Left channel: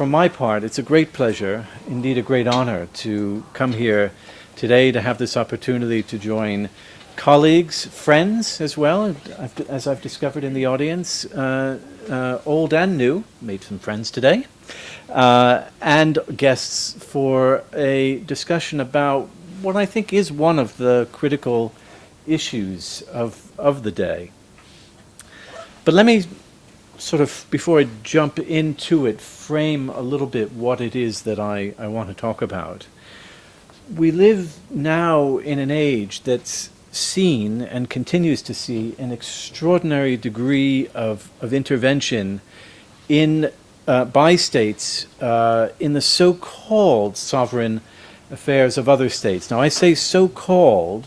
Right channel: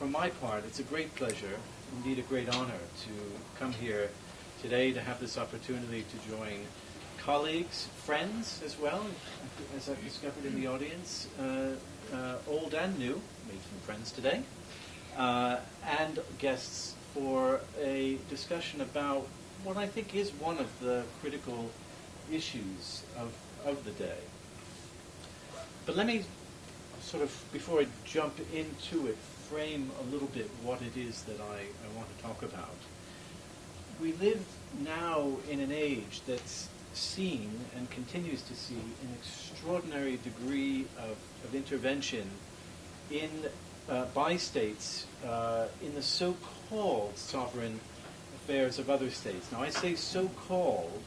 from my part, it's a great pleasure, indeed a great honor, to come here today to have this opportunity to join colleagues, friends as well, as I've discovered in the audience, old and new, made some friends today, and guests for a discussion about what I think is one of the critical issues of the day. But let me sort of, before I jump into it, frame a little bit what it is that I want to talk about. We live now in an age that's seen and continues to see an extraordinary degree of intervention in by states in the so-called sovereign affairs of other states. Now I say so-called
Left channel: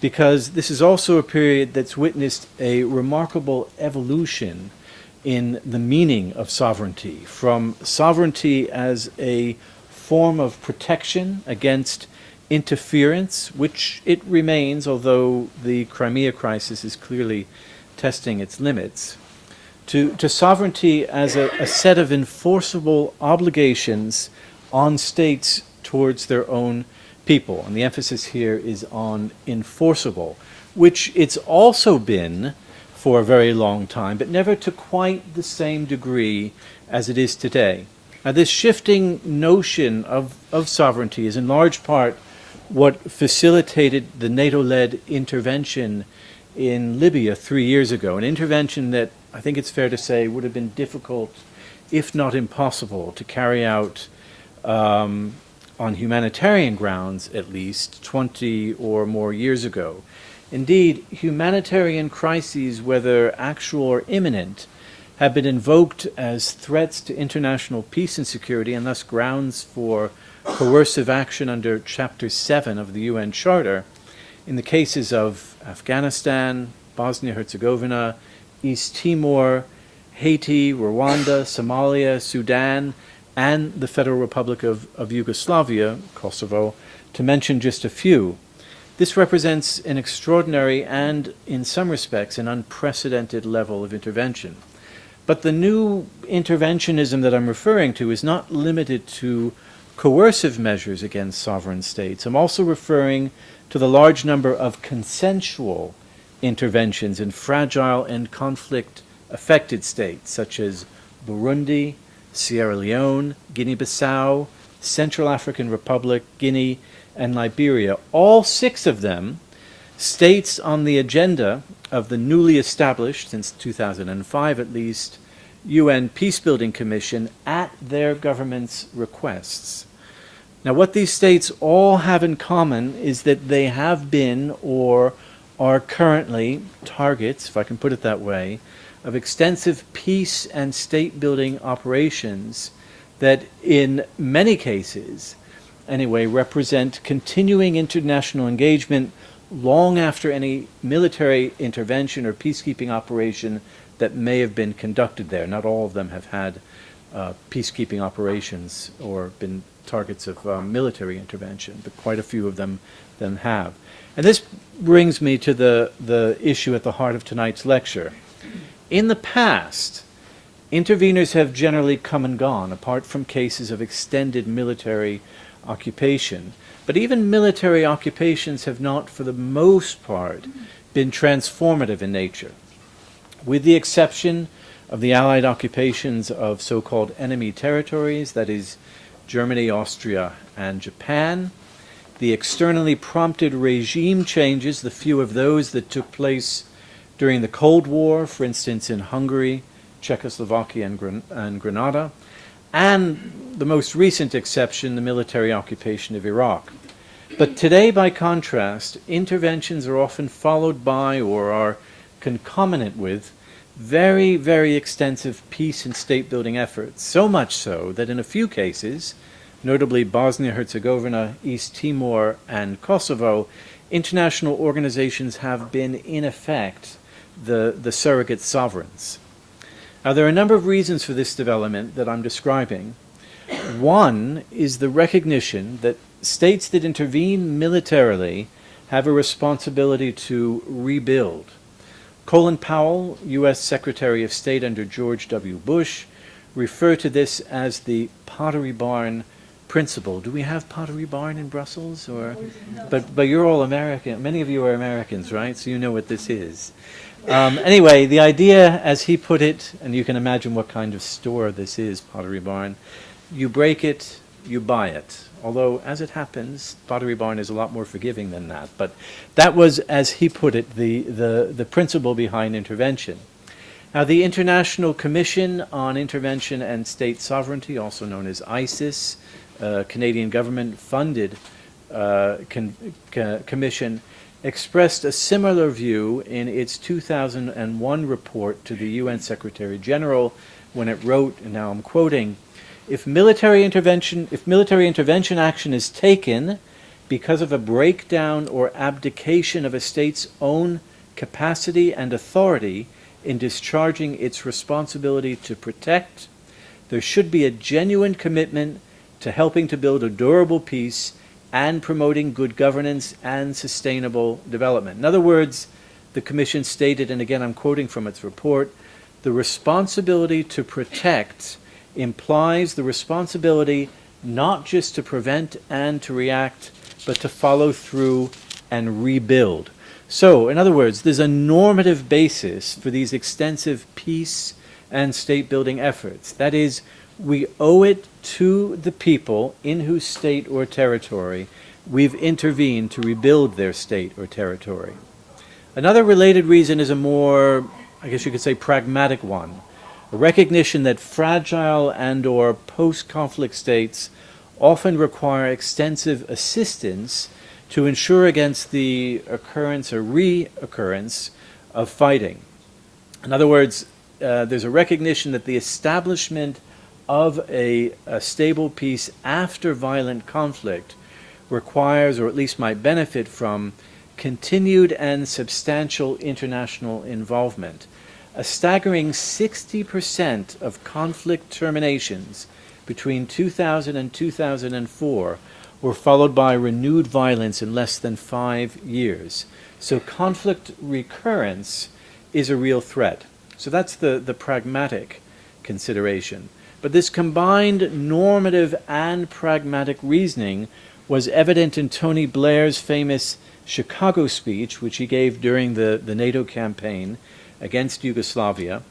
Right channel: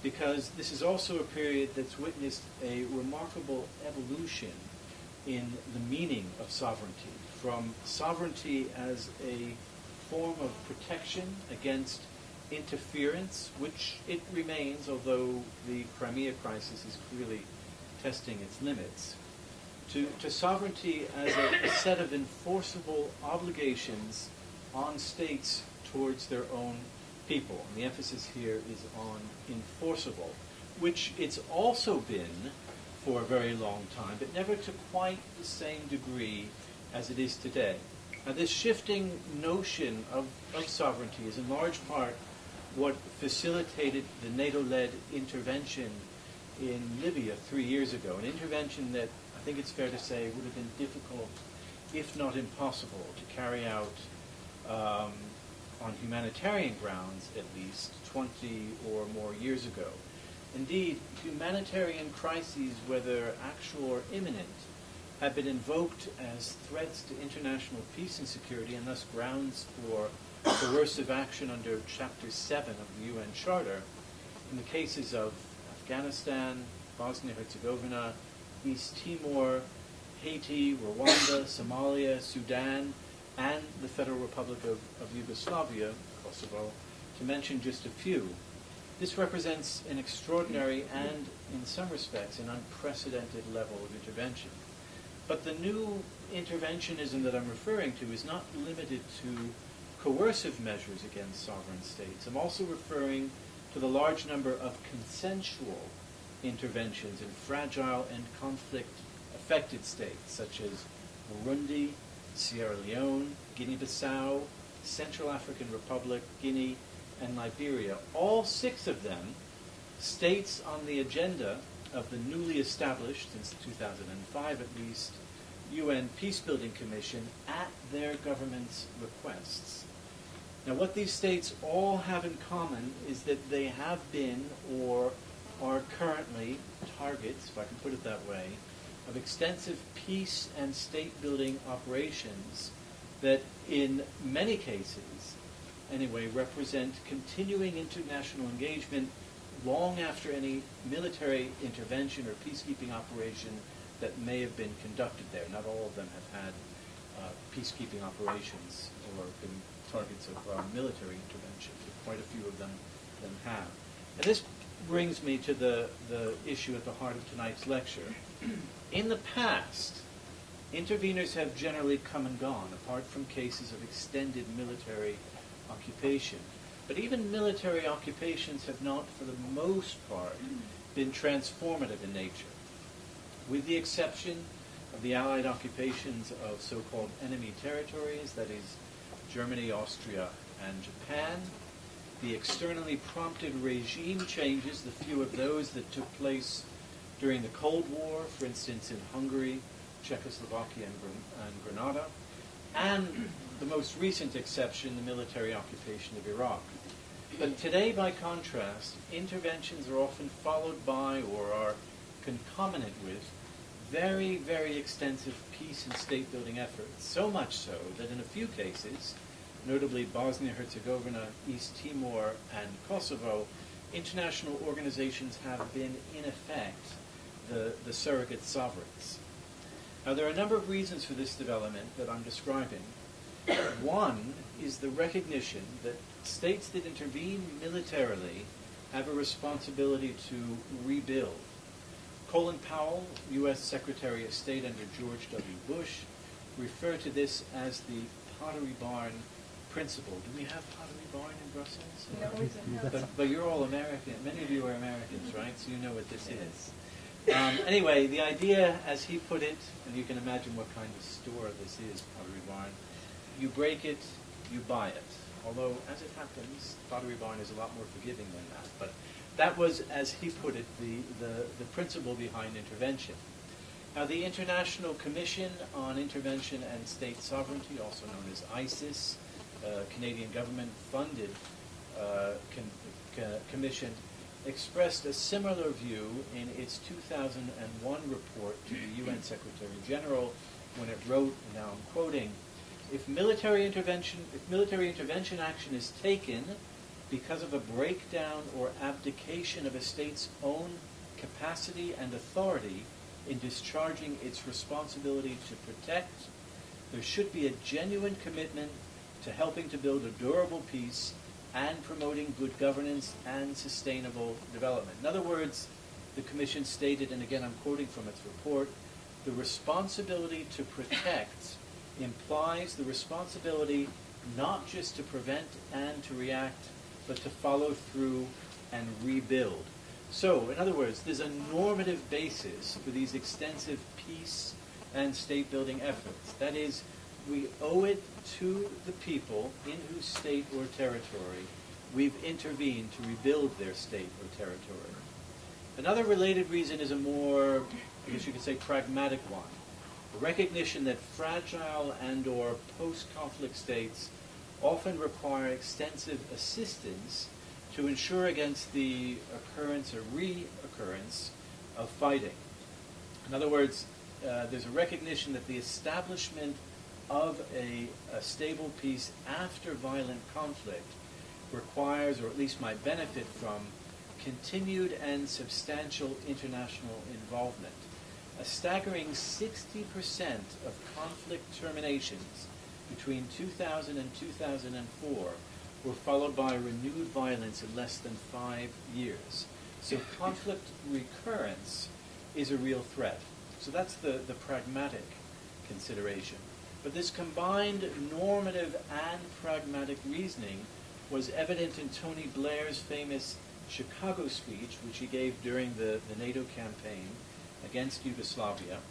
because this is also a period that's witnessed a remarkable evolution in the meaning of sovereignty, from sovereignty as a form of protection against interference, which it remains, although the Crimea crisis is clearly testing its limits, to sovereignty as a set of enforceable obligations on states towards their own people. And the emphasis here is on enforceable, which it's also been for a very long time, but never to quite the same degree as it is today. Now, this shifting notion of sovereignty is in large part what facilitated the NATO-led intervention in Libya 3 years ago, an intervention that I think it's fair to say would have been difficult, if not impossible, to carry out on humanitarian grounds, at least 20 or more years ago. Indeed, humanitarian crises, whether actual or imminent, have been invoked as threats to international peace and security, and thus grounds for coercive action under Chapter 7 of the UN Charter in the cases of Afghanistan, Bosnia-Herzegovina, East Timor, Haiti, Rwanda, Somalia, Sudan, and the Federal Republic of Yugoslavia, Kosovo, to mention just a few. This represents an extraordinary and, in some respects, an unprecedented level of intervention. But the new interventionism that I'm referring to is not limited to coercive measures against sovereign states. I'm also referring to the large number of consensual interventions in fragile and conflict-affected states, such as Burundi, Sierra Leone, Guinea-Bissau, Central African Republic, Guinea, and Liberia, all 6 of them states on the agenda of the newly established, since 2005 at least, UN Peacebuilding Commission at their government's requests. Now, what these states all have in common is that they have been or are currently targets, if I can put it that way, of extensive peace and state-building operations that in many cases anyway, represent continuing international engagement long after any military intervention or peacekeeping operation that may have been conducted there. Not all of them have had peacekeeping operations or been targets of military intervention, but quite a few of them have. And this brings me to the issue at the heart of tonight's lecture. In the past, interveners have generally come and gone, apart from cases of extended military occupation. But even military occupations have not, for the most part, been transformative in nature. With the exception of the Allied occupations of so-called enemy territories, that is, Germany, Austria, and Japan, the externally prompted regime changes, the few of those that took place during the Cold War, for instance in Hungary, Czechoslovakia, and Grenada, and the most recent exception, the military occupation of Iraq. But today, by contrast, interventions are often followed by or are concomitant with very, very extensive peace and state-building efforts, so much so that in a few cases, notably Bosnia-Herzegovina, East Timor, and Kosovo, international organizations have been, in effect, the surrogate sovereigns. Now, there are a number of reasons for this development that I'm describing. One is the recognition that states that intervene militarily have a responsibility to rebuild. Colin Powell, U.S. Secretary of State under George W. Bush, refer to this as the Pottery Barn principle. Do we have Pottery Barn in Brussels? Or, but you're all American. Many of you are Americans, right? So you know what this is. Anyway, the idea, as he put it, and you can imagine what kind of store this is, Pottery Barn, you break it, you buy it. Although, as it happens, Pottery Barn is a lot more forgiving than that. But that was, as he put it, the principle behind intervention. Now, the International Commission on Intervention and State Sovereignty, also known as ISIS, Canadian government-funded commission, expressed a similar view in its 2001 report to the UN Secretary General when it wrote, and now I'm quoting, if military intervention action is taken because of a breakdown or abdication of a state's own capacity and authority in discharging its responsibility to protect, there should be a genuine commitment to helping to build a durable peace and promoting good governance and sustainable development. In other words, the Commission stated, and again I'm quoting from its report, the responsibility to protect implies the responsibility not just to prevent and to react, but to follow through and rebuild. So, in other words, there's a normative basis for these extensive peace and state-building efforts. That is, we owe it to the people in whose state or territory we've intervened to rebuild their state or territory. Another related reason is a more, I guess you could say, pragmatic one. A recognition that fragile and or post-conflict states often require extensive assistance to ensure against the occurrence or reoccurrence of fighting. In other words, there's a recognition that the establishment of a stable peace after violent conflict requires, or at least might benefit from, continued and substantial international involvement. A staggering 60% of conflict terminations between 2000 and 2004 were followed by renewed violence in less than 5 years. So conflict recurrence is a real threat. So that's the pragmatic consideration. But this combined normative and pragmatic reasoning was evident in Tony Blair's famous Chicago speech, which he gave during the NATO campaign against Yugoslavia,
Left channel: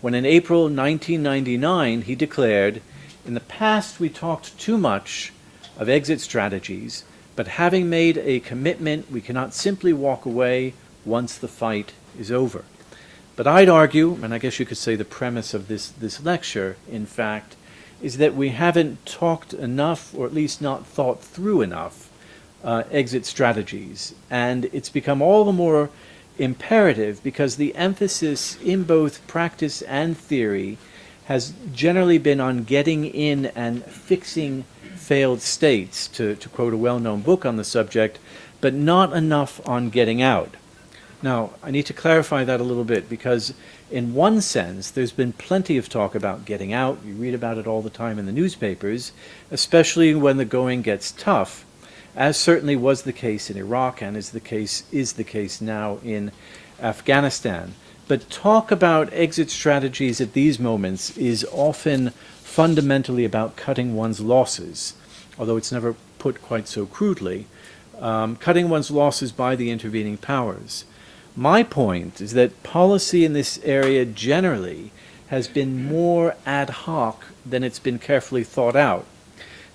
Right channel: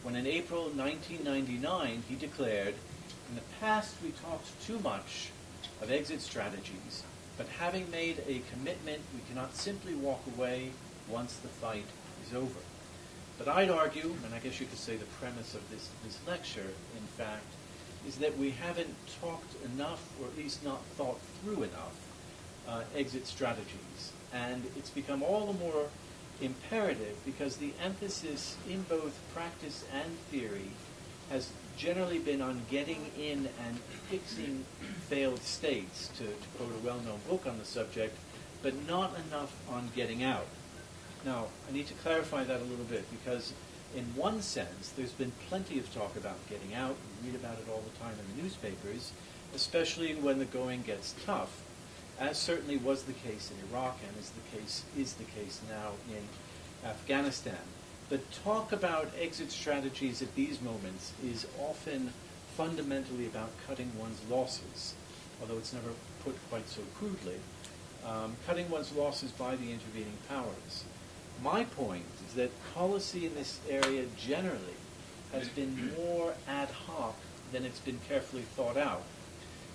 when in April 1999 he declared, in the past we talked too much of exit strategies, but having made a commitment, we cannot simply walk away once the fight is over. But I'd argue, and I guess you could say the premise of this lecture, in fact, is that we haven't talked enough, or at least not thought through enough, exit strategies. And it's become all the more imperative because the emphasis in both practice and theory has generally been on getting in and fixing failed states, to quote a well-known book on the subject, but not enough on getting out. Now, I need to clarify that a little bit because in one sense, there's been plenty of talk about getting out. You read about it all the time in the newspapers, especially when the going gets tough, as certainly was the case in Iraq and is the case now in Afghanistan. But talk about exit strategies at these moments is often fundamentally about cutting one's losses, although it's never put quite so crudely, cutting one's losses by the intervening powers. My point is that policy in this area generally has been more ad hoc than it's been carefully thought out.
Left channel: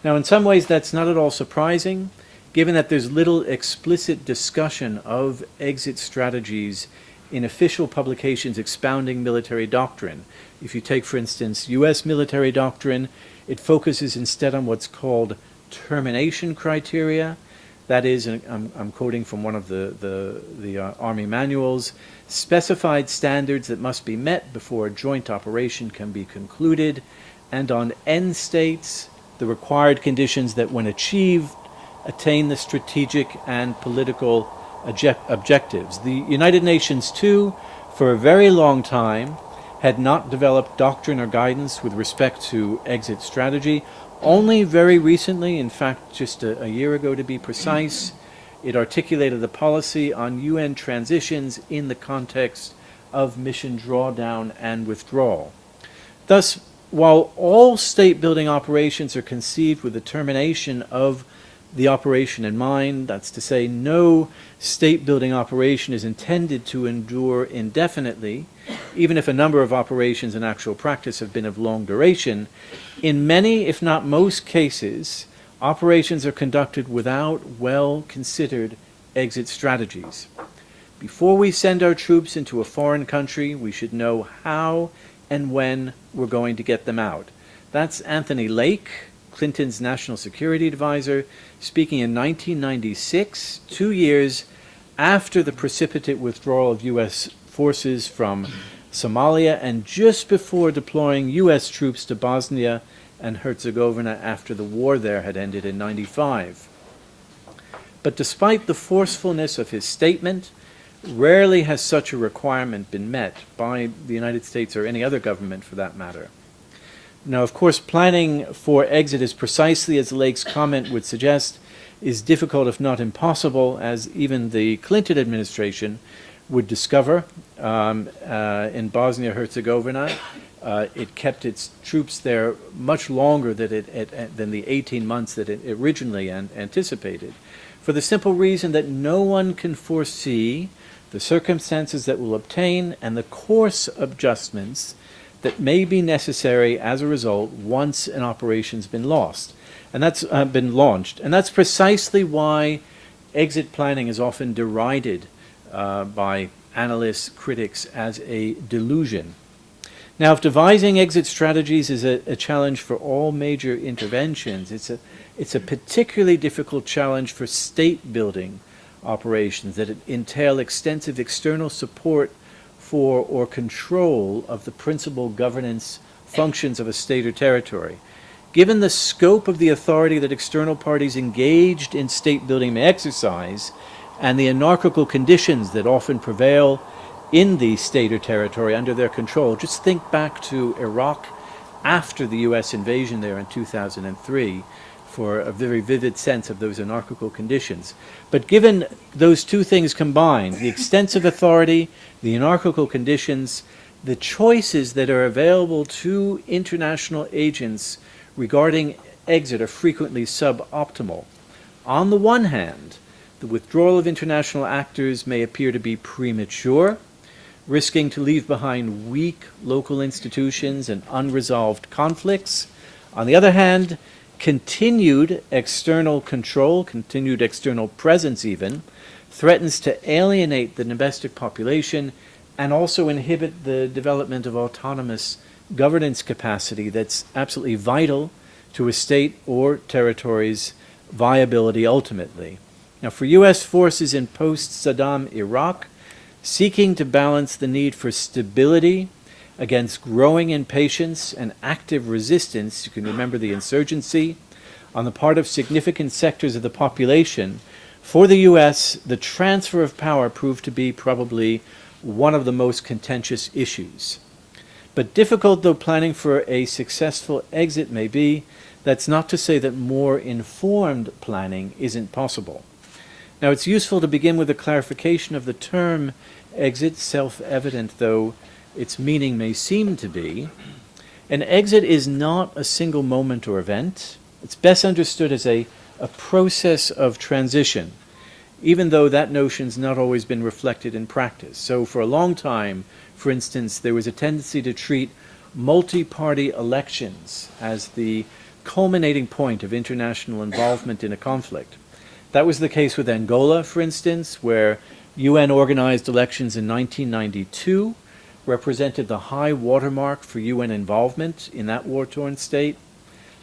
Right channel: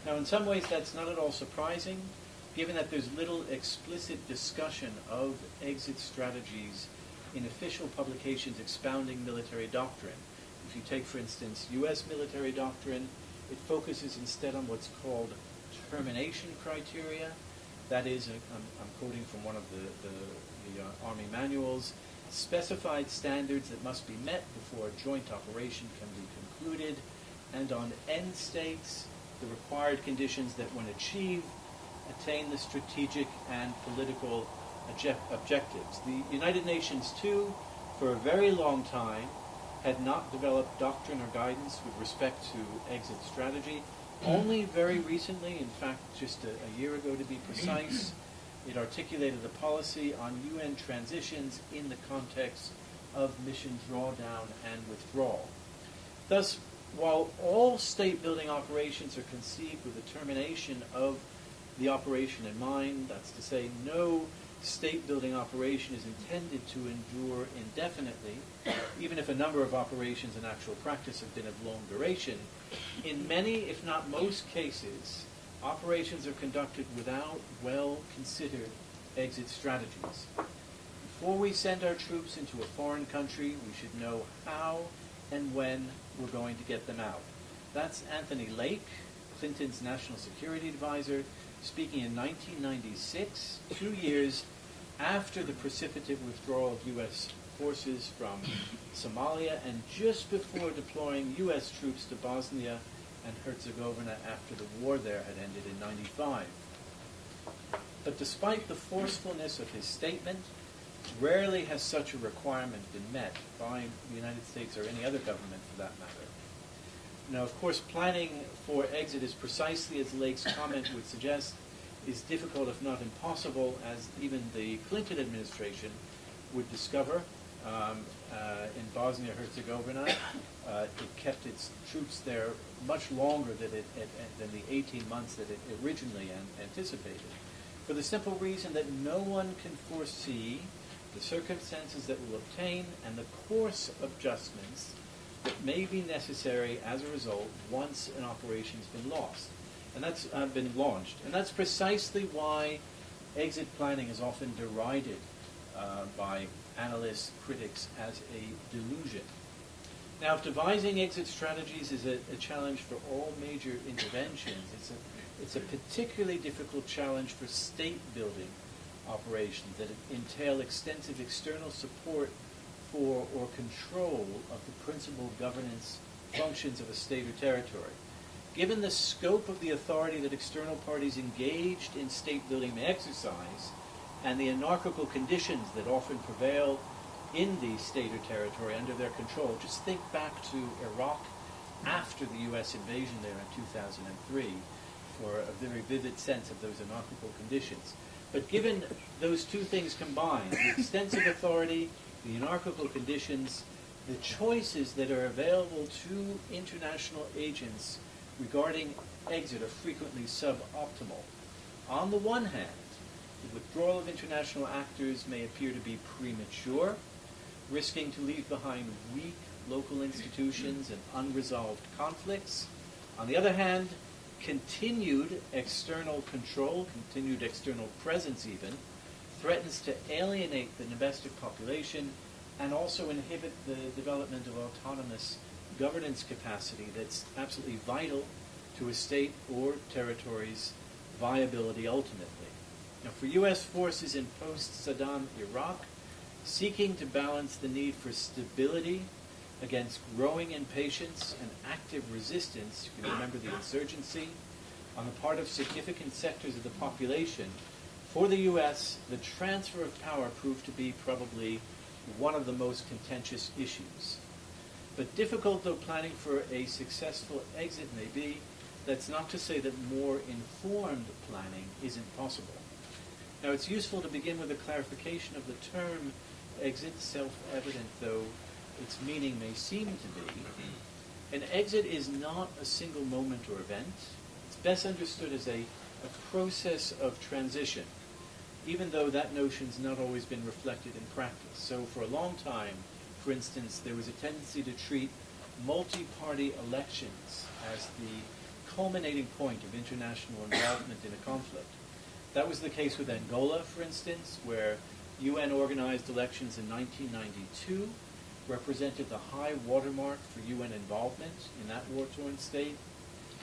Now, in some ways, that's not at all surprising, given that there's little explicit discussion of exit strategies in official publications expounding military doctrine. If you take, for instance, U.S. military doctrine, it focuses instead on what's called termination criteria. That is, and I'm quoting from one of the Army manuals, specified standards that must be met before a joint operation can be concluded, and on end states, the required conditions that, when achieved, attain the strategic and political objectives. The United Nations, too, for a very long time, had not developed doctrine or guidance with respect to exit strategy. Only very recently, in fact just a year ago to be precise, it articulated a policy on UN transitions in the context of mission drawdown and withdrawal. Thus, while all state building operations are conceived with the termination of the operation in mind, that's to say, no state building operation is intended to endure indefinitely, even if a number of operations in actual practice have been of long duration. In many, if not most cases, operations are conducted without well-considered exit strategies. Before we send our troops into a foreign country, we should know how and when we're going to get them out. That's Anthony Lake, Clinton's national security advisor, speaking in 1996, 2 years after the precipitate withdrawal of U.S. forces from Somalia and just before deploying U.S. troops to Bosnia and Herzegovina after the war there had ended in 95. But despite the forcefulness of his statement, rarely has such a requirement been met by the United States or any other government for that matter. Now, of course, planning for exit is precisely as Lake's comment would suggest, is difficult if not impossible, as even the Clinton administration would discover in Bosnia-Herzegovina. It kept its troops there much longer than the 18 months that it originally anticipated, for the simple reason that no one can foresee the circumstances that will obtain and the course adjustments that may be necessary as a result once an operation's been lost, and that's been launched. And that's precisely why exit planning is often derided by analysts, critics, as a delusion. Now, if devising exit strategies is a challenge for all major interventions, it's a particularly difficult challenge for state building operations that entail extensive external support for or control of the principal governance functions of a state or territory. Given the scope of the authority that external parties engaged in state building may exercise, and the anarchical conditions that often prevail in the state or territory under their control, just think back to Iraq after the U.S. invasion there in 2003 for a very vivid sense of those anarchical conditions. But given those two things combined, the extensive authority, the anarchical conditions, the choices that are available to international agents regarding exit are frequently suboptimal. On the one hand, the withdrawal of international actors may appear to be premature, risking to leave behind weak local institutions and unresolved conflicts. On the other hand, continued external control, continued external presence even, threatens to alienate the domestic population and also inhibit the development of autonomous governance capacity that's absolutely vital to a state or territory's viability ultimately. Now, for U.S. forces in post-Saddam Iraq, seeking to balance the need for stability against growing impatience and active resistance, you can remember the insurgency, on the part of significant sectors of the population, for the U.S., the transfer of power proved to be probably one of the most contentious issues. But difficult though planning for a successful exit may be, that's not to say that more informed planning isn't possible. Now, it's useful to begin with a clarification of the term exit, self-evident though its meaning may seem to be. An exit is not a single moment or event. It's best understood as a process of transition, even though that notion's not always been reflected in practice. So for a long time, for instance, there was a tendency to treat multi-party elections as the culminating point of international involvement in a conflict. That was the case with Angola, for instance, where UN-organized elections in 1992 represented the high watermark for UN involvement in that war-torn state.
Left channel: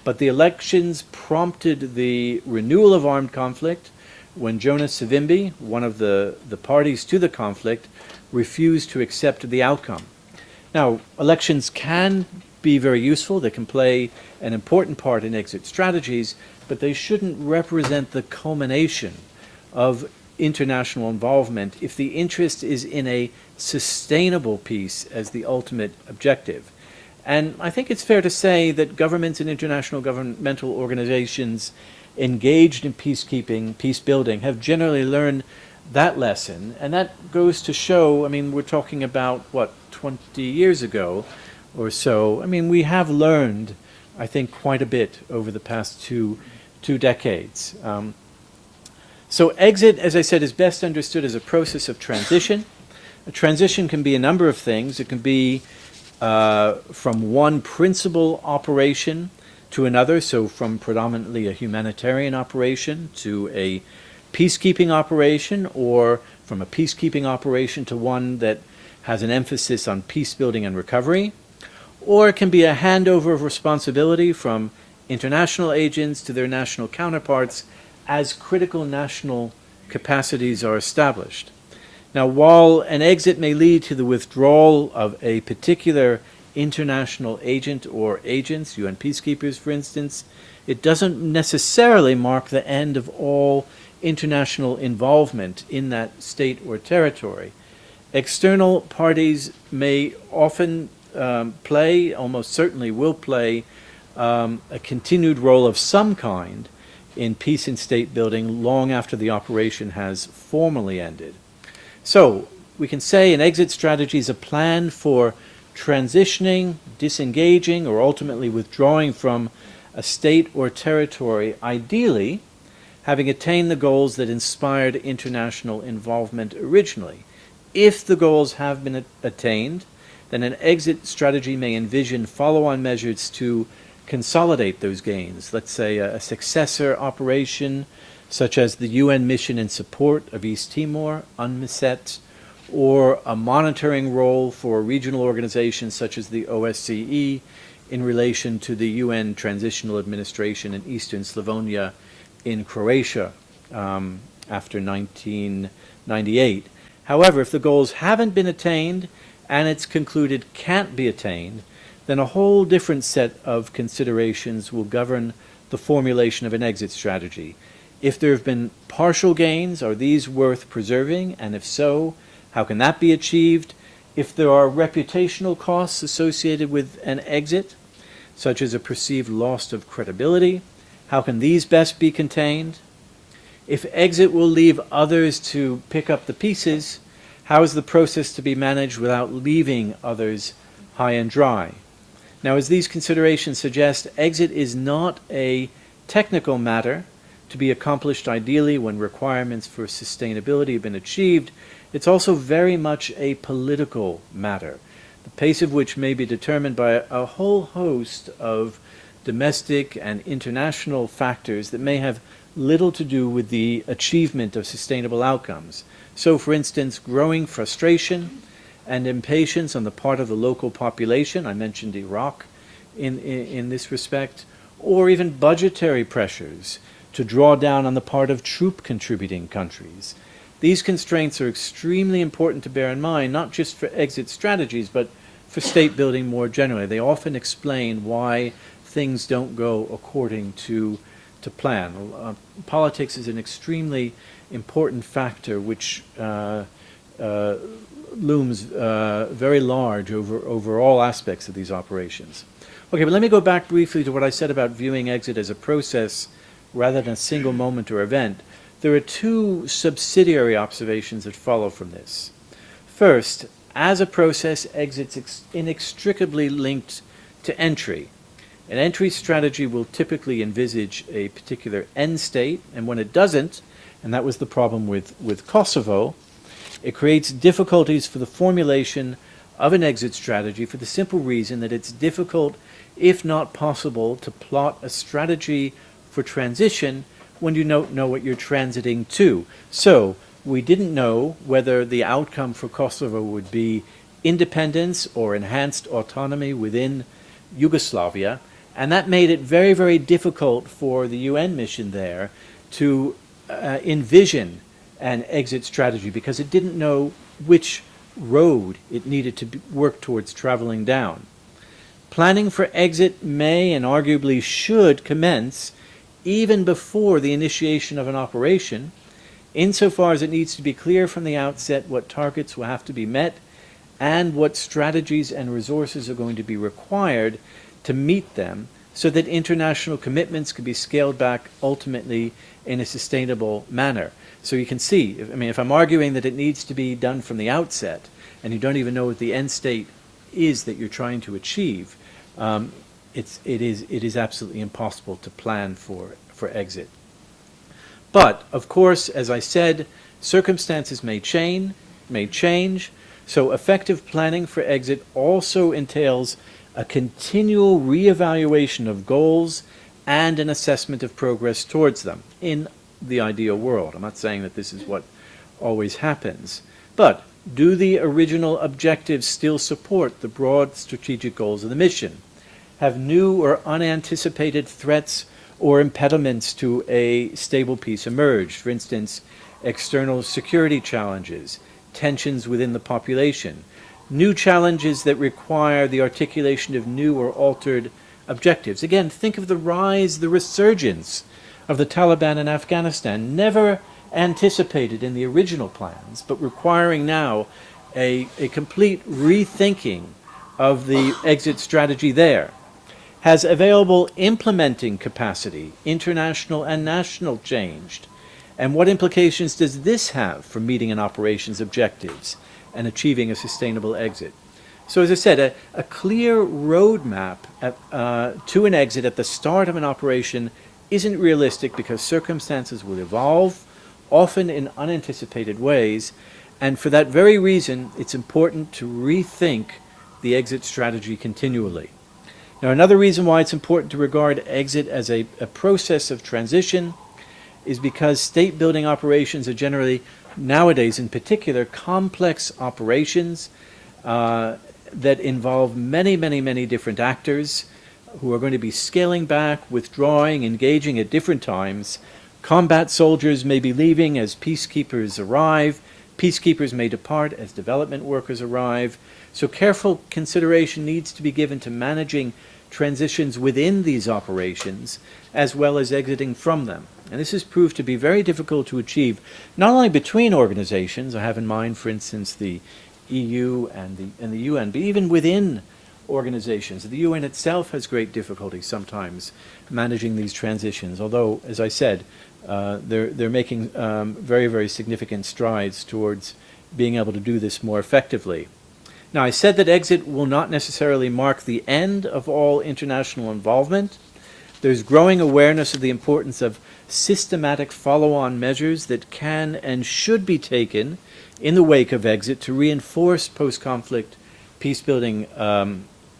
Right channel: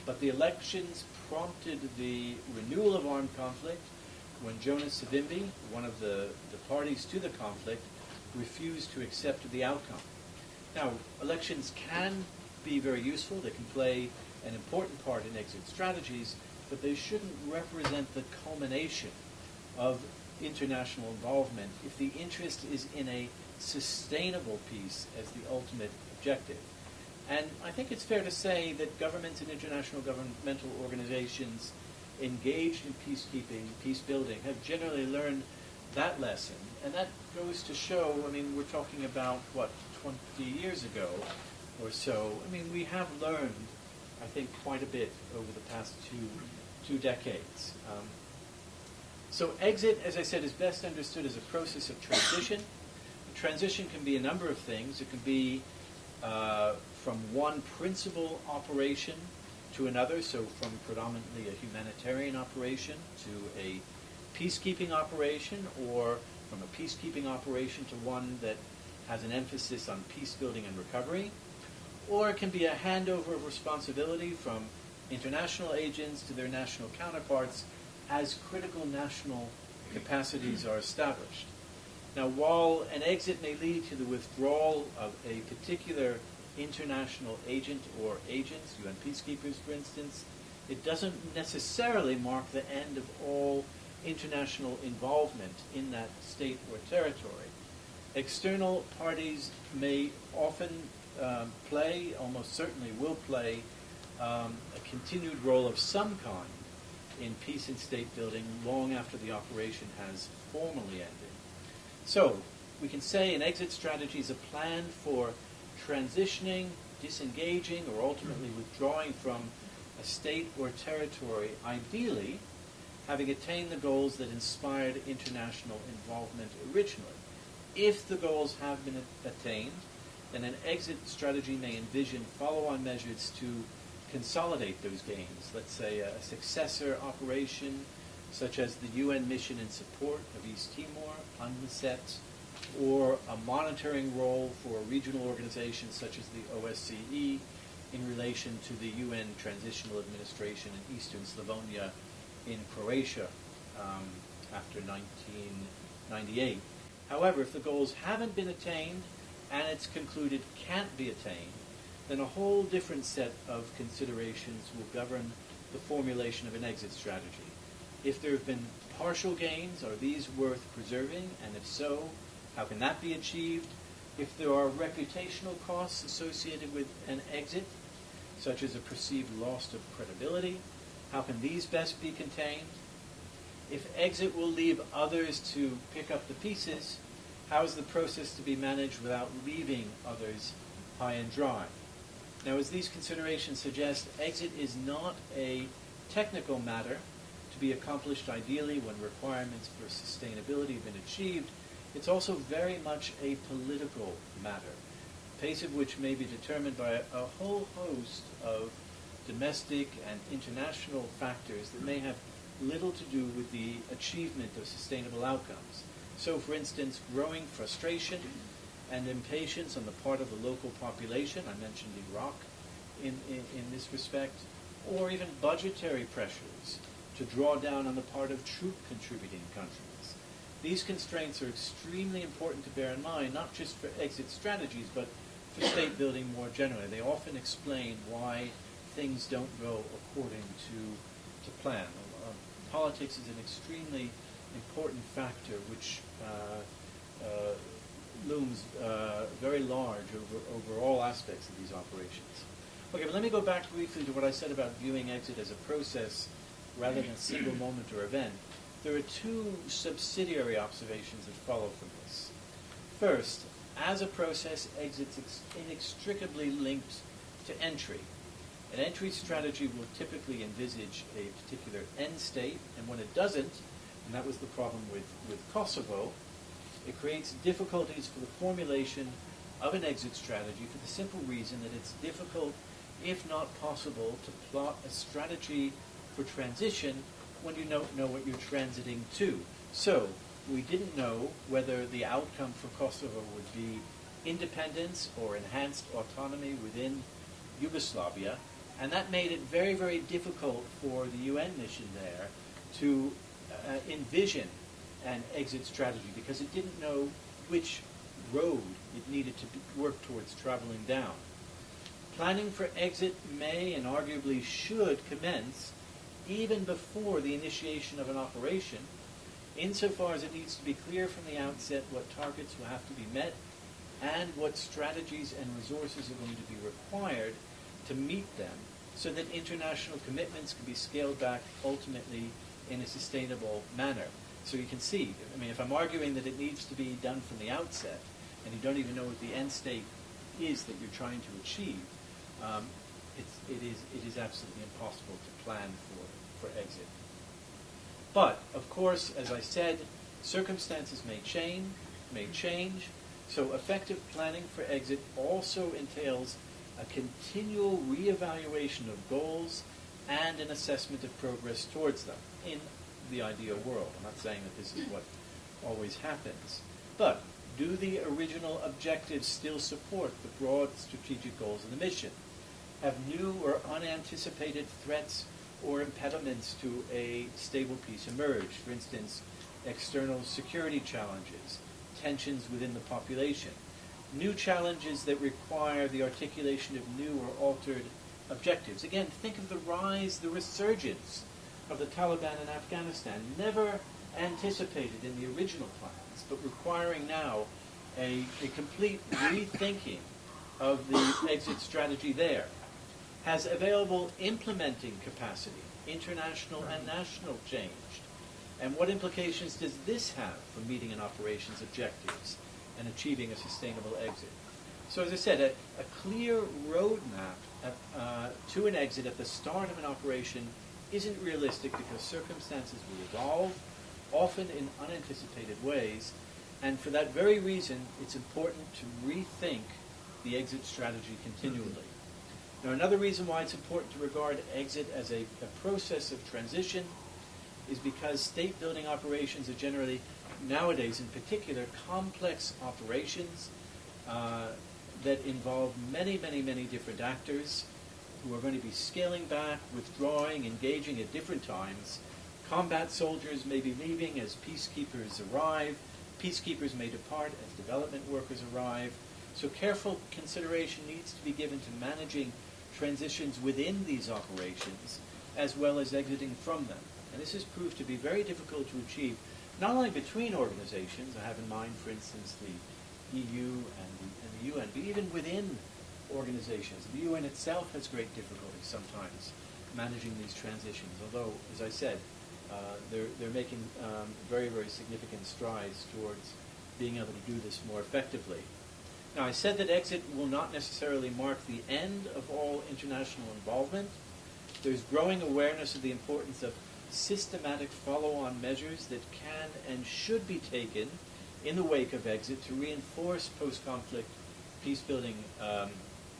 But the elections prompted the renewal of armed conflict when Jonas Savimbi, one of the parties to the conflict, refused to accept the outcome. Now, elections can be very useful. They can play an important part in exit strategies, but they shouldn't represent the culmination of international involvement if the interest is in a sustainable peace as the ultimate objective. And I think it's fair to say that governments and international governmental organizations engaged in peacekeeping, peace building, have generally learned that lesson. And that goes to show, I mean, we're talking about, 20 years ago, or so. I mean, we have learned, I think, quite a bit over the past two decades. So exit, as I said, is best understood as a process of transition. A transition can be a number of things. It can be from one principal operation to another, so from predominantly a humanitarian operation to a peacekeeping operation, or from a peacekeeping operation to one that has an emphasis on peace building and recovery. Or it can be a handover of responsibility from international agents to their national counterparts as critical national capacities are established. Now, while an exit may lead to the withdrawal of a particular international agent or agents, UN peacekeepers for instance, it doesn't necessarily mark the end of all international involvement in that state or territory. External parties may often play, almost certainly will play, a continued role of some kind in peace and state building long after the operation has formally ended. So we can say an exit strategy is a plan for transitioning, disengaging, or ultimately withdrawing from a state or territory, ideally having attained the goals that inspired international involvement originally. If the goals have been attained, then an exit strategy may envision follow-on measures to consolidate those gains. Let's say a successor operation such as the UN mission in support of East Timor, UNMISET, or a monitoring role for regional organizations such as the OSCE in relation to the UN Transitional Administration in Eastern Slavonia in Croatia after 1998. However, if the goals haven't been attained and it's concluded can't be attained, then a whole different set of considerations will govern the formulation of an exit strategy. If there have been partial gains, are these worth preserving? And if so, how can that be achieved? If there are reputational costs associated with an exit, such as a perceived loss of credibility, how can these best be contained? If exit will leave others to pick up the pieces, how is the process to be managed without leaving others high and dry? Now, as these considerations suggest, exit is not a technical matter to be accomplished ideally when requirements for sustainability have been achieved. It's also very much a political matter, the pace of which may be determined by a whole host of domestic and international factors that may have little to do with the achievement of sustainable outcomes. So, for instance, growing frustration and impatience on the part of the local population, I mentioned Iraq in this respect, or even budgetary pressures to draw down on the part of troop-contributing countries. These constraints are extremely important to bear in mind, not just for exit strategies, but for state building more generally. They often explain why things don't go according to plan. Politics is an extremely important factor which looms very large over all aspects of these operations. Okay, but let me go back briefly to what I said about viewing exit as a process rather than a single moment or event. There are two subsidiary observations that follow from this. First, as a process, exit's inextricably linked to entry. An entry strategy will typically envisage a particular end state, and when it doesn't, and that was the problem with Kosovo, it creates difficulties for the formulation of an exit strategy for the simple reason that it's difficult, if not possible, to plot a strategy for transition when you don't know what you're transiting to. So we didn't know whether the outcome for Kosovo would be independence or enhanced autonomy within Yugoslavia, and that made it very, very difficult for the UN mission there to envision an exit strategy because it didn't know which road it needed to work towards traveling down. Planning for exit may and arguably should commence even before the initiation of an operation, insofar as it needs to be clear from the outset what targets will have to be met and what strategies and resources are going to be required to meet them, so that international commitments can be scaled back ultimately in a sustainable manner. So you can see, I mean, if I'm arguing that it needs to be done from the outset, and you don't even know what the end state is that you're trying to achieve, it is absolutely impossible to plan for exit. But, of course, as I said, circumstances may change, so effective planning for exit also entails a continual reevaluation of goals and an assessment of progress towards them in the ideal world. I'm not saying that this is what always happens, but do the original objectives still support the broad strategic goals of the mission? Have new or unanticipated threats or impediments to a stable peace emerged? For instance, external security challenges, tensions within the population, new challenges that require the articulation of new or altered objectives. Again, think of the rise, the resurgence of the Taliban in Afghanistan, never anticipated in the original plans, but requiring now a complete rethinking of the exit strategy there. Has available implementing capacity, international and national, changed? And what implications does this have for meeting an operations objectives and achieving a sustainable exit? So as I said, a clear roadmap to an exit at the start of an operation isn't realistic because circumstances will evolve, often in unanticipated ways, and for that very reason, it's important to rethink the exit strategy continually. Now, another reason why it's important to regard exit as a process of transition is because state building operations are generally, nowadays in particular, complex operations that involve many different actors who are going to be scaling back, withdrawing, engaging at different times. Combat soldiers may be leaving as peacekeepers arrive. Peacekeepers may depart as development workers arrive. So careful consideration needs to be given to managing transitions within these operations as well as exiting from them. And this has proved to be very difficult to achieve, not only between organizations. I have in mind, for instance, the EU and the UN, but even within organizations. The UN itself has great difficulty sometimes managing these transitions, although, as I said, they're making very significant strides towards being able to do this more effectively. Now, I said that exit will not necessarily mark the end of all international involvement. There's growing awareness of the importance of systematic follow-on measures that can and should be taken in the wake of exit to reinforce post-conflict peacebuilding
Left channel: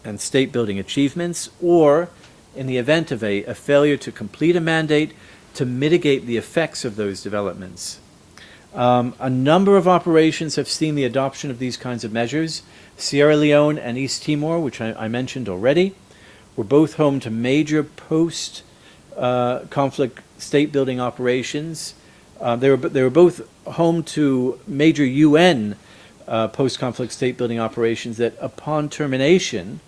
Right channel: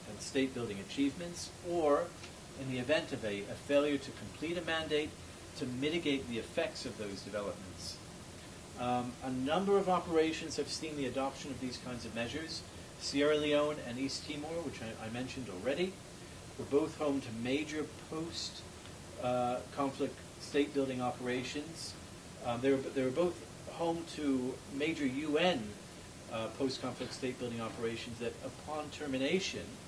and state-building achievements, or, in the event of a failure to complete a mandate, to mitigate the effects of those developments. A number of operations have seen the adoption of these kinds of measures. Sierra Leone and East Timor, which I mentioned already, were both home to major post-conflict state-building operations. They were both home to major UN post-conflict state-building operations that, upon termination,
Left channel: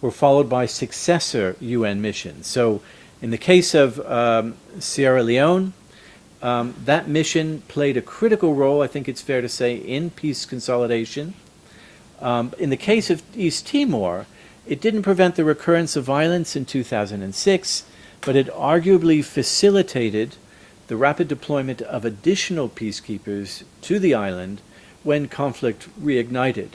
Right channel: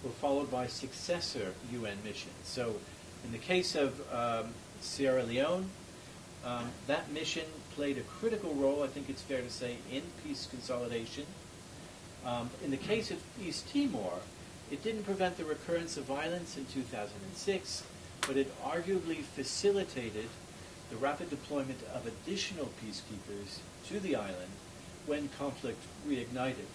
were followed by successor UN missions. So, in the case of Sierra Leone, that mission played a critical role, I think it's fair to say, in peace consolidation. In the case of East Timor, it didn't prevent the recurrence of violence in 2006, but it arguably facilitated the rapid deployment of additional peacekeepers to the island when conflict reignited.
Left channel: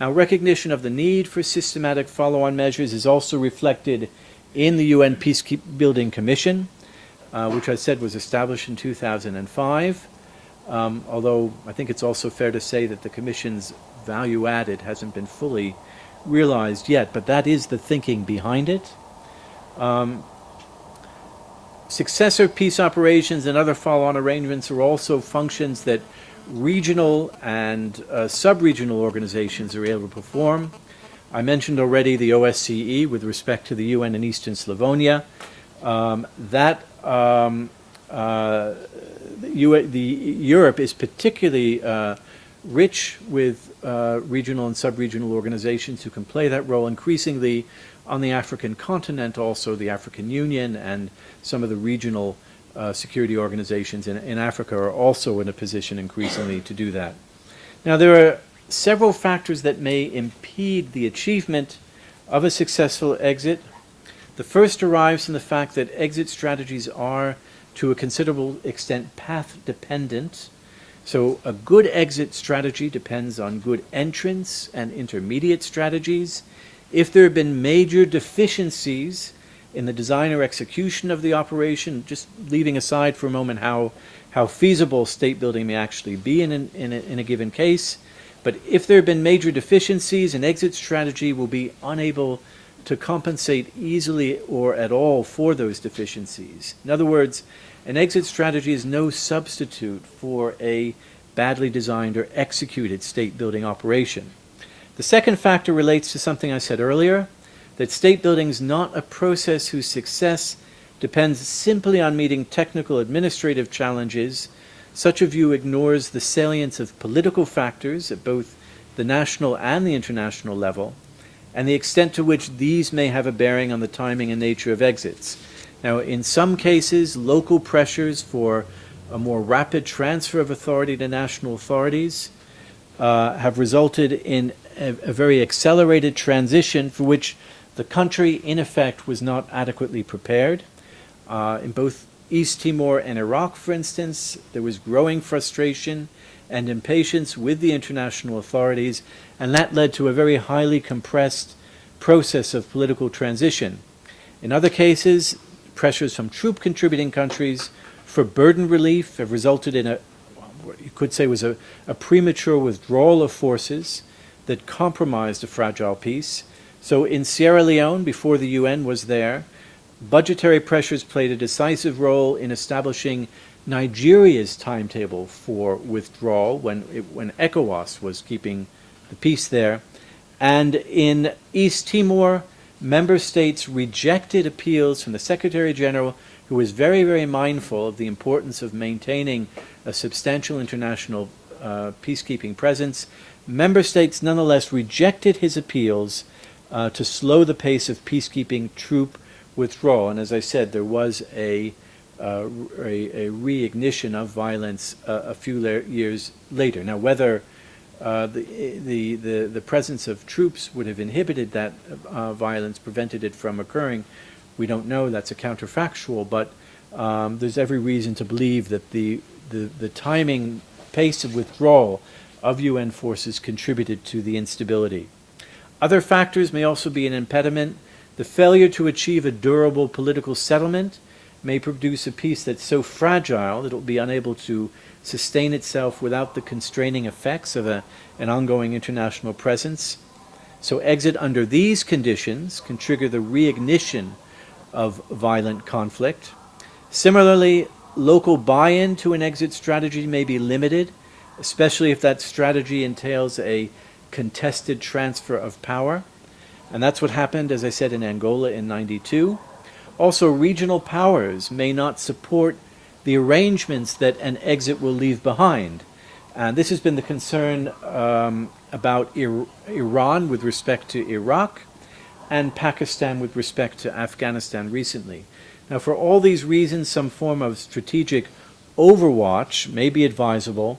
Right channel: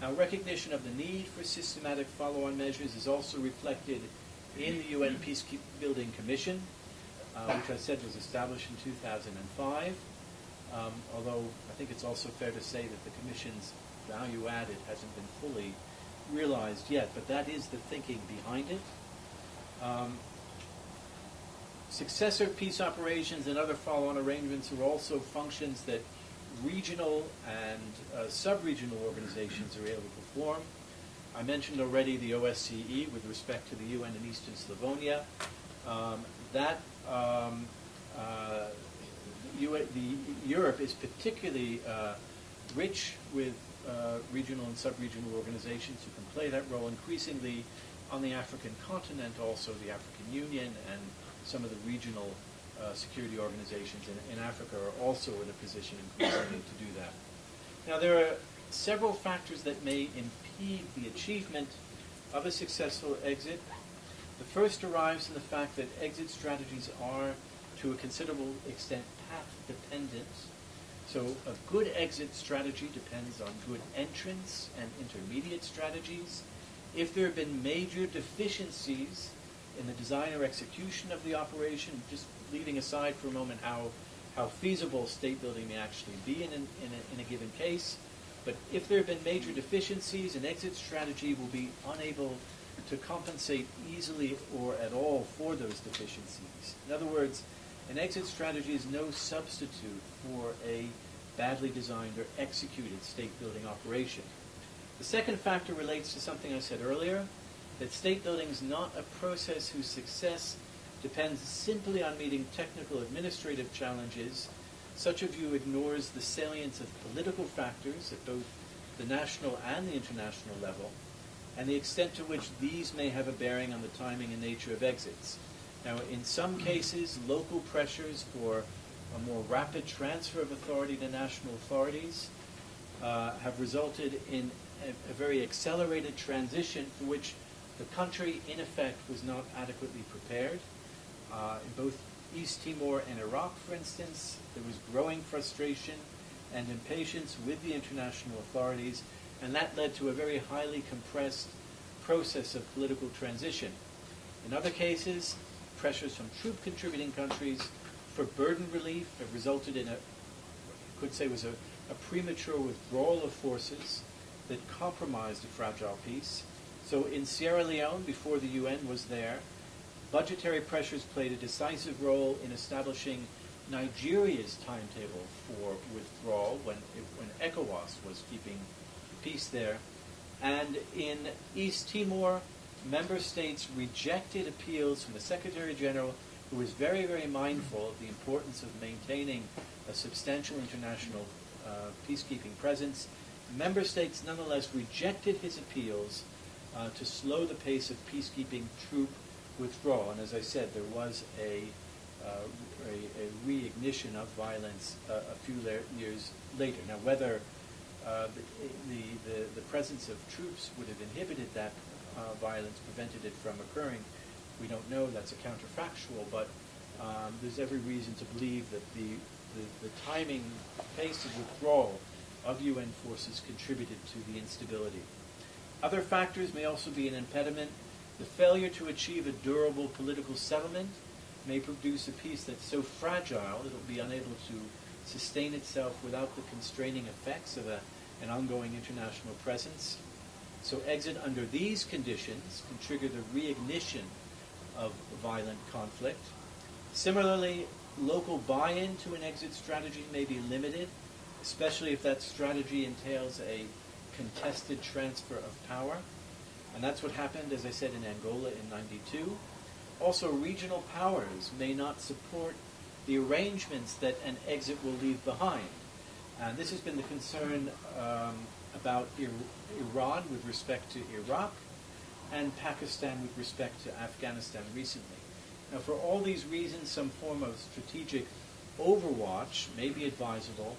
Now, recognition of the need for systematic follow-on measures is also reflected in the UN Peacebuilding Commission, which I said was established in 2005, although I think it's also fair to say that the Commission's value added hasn't been fully realized yet, but that is the thinking behind it. Successor peace operations and other follow-on arrangements are also functions that regional and sub-regional organizations are able to perform. I mentioned already the OSCE with respect to the UN in Eastern Slavonia. Europe is particularly rich with regional and sub-regional organizations who can play that role increasingly on the African continent, also the African Union and some of the regional security organizations in Africa are also in a position increasingly to do that. Now, there are several factors that may impede the achievement of a successful exit. The first derives from the fact that exit strategies are, to a considerable extent, path-dependent. So a good exit strategy depends on good entrance and intermediate strategies. If there have been major deficiencies in the design or execution of the operation, just leaving aside for a moment how feasible state building may actually be in a given case, but if there have been major deficiencies, an exit strategy will be unable to compensate easily or at all for those deficiencies. In other words, an exit strategy is no substitute for a badly designed or executed state building operation. The second factor relates to something I said earlier, that state building is not a process whose success depends simply on meeting technical administrative challenges. Such a view ignores the salience of political factors at both the national and the international level, and the extent to which these may have a bearing on the timing and nature of exits. Now, in some cases, local pressures for a more rapid transfer of authority to national authorities have resulted in a very accelerated transition for which the country, in effect, was not adequately prepared. In both East Timor and Iraq, for instance, there was growing frustration and impatience with the international authorities, and that led to a very highly compressed process of political transition. In other cases, pressures from troop-contributing countries for burden relief have resulted in what you could say was a premature withdrawal of forces that compromised a fragile peace. So in Sierra Leone, before the UN was there, budgetary pressures played a decisive role in establishing Nigeria's timetable for withdrawal when ECOWAS was keeping the peace there. And in East Timor, member states rejected appeals from the Secretary General, who was very, very mindful of the importance of maintaining a substantial international peacekeeping presence. Member states nonetheless rejected his appeals to slow the pace of peacekeeping troop withdrawal. And as I said, there was a reignition of violence a few years later. Now, whether the presence of troops would have inhibited that violence, prevented it from occurring, we don't know. That's a counterfactual, but there's every reason to believe that the timing pace of withdrawal of UN forces contributed to the instability. Other factors may also be an impediment. The failure to achieve a durable political settlement may produce a peace that's so fragile that it will be unable to sustain itself without the constraining effects of an ongoing international presence. So exit under these conditions can trigger the reignition of violent conflict. Similarly, local buy-in to an exit strategy may be limited, especially if that strategy entails a contested transfer of power. And that's what happened, as I said, in Angola in '92. Also, regional powers may not support the arrangements that an exit will leave behind. And this has been the concern about Iran with respect to Iraq and Pakistan with respect to Afghanistan recently. Now, for all these reasons, some form of strategic overwatch may be advisable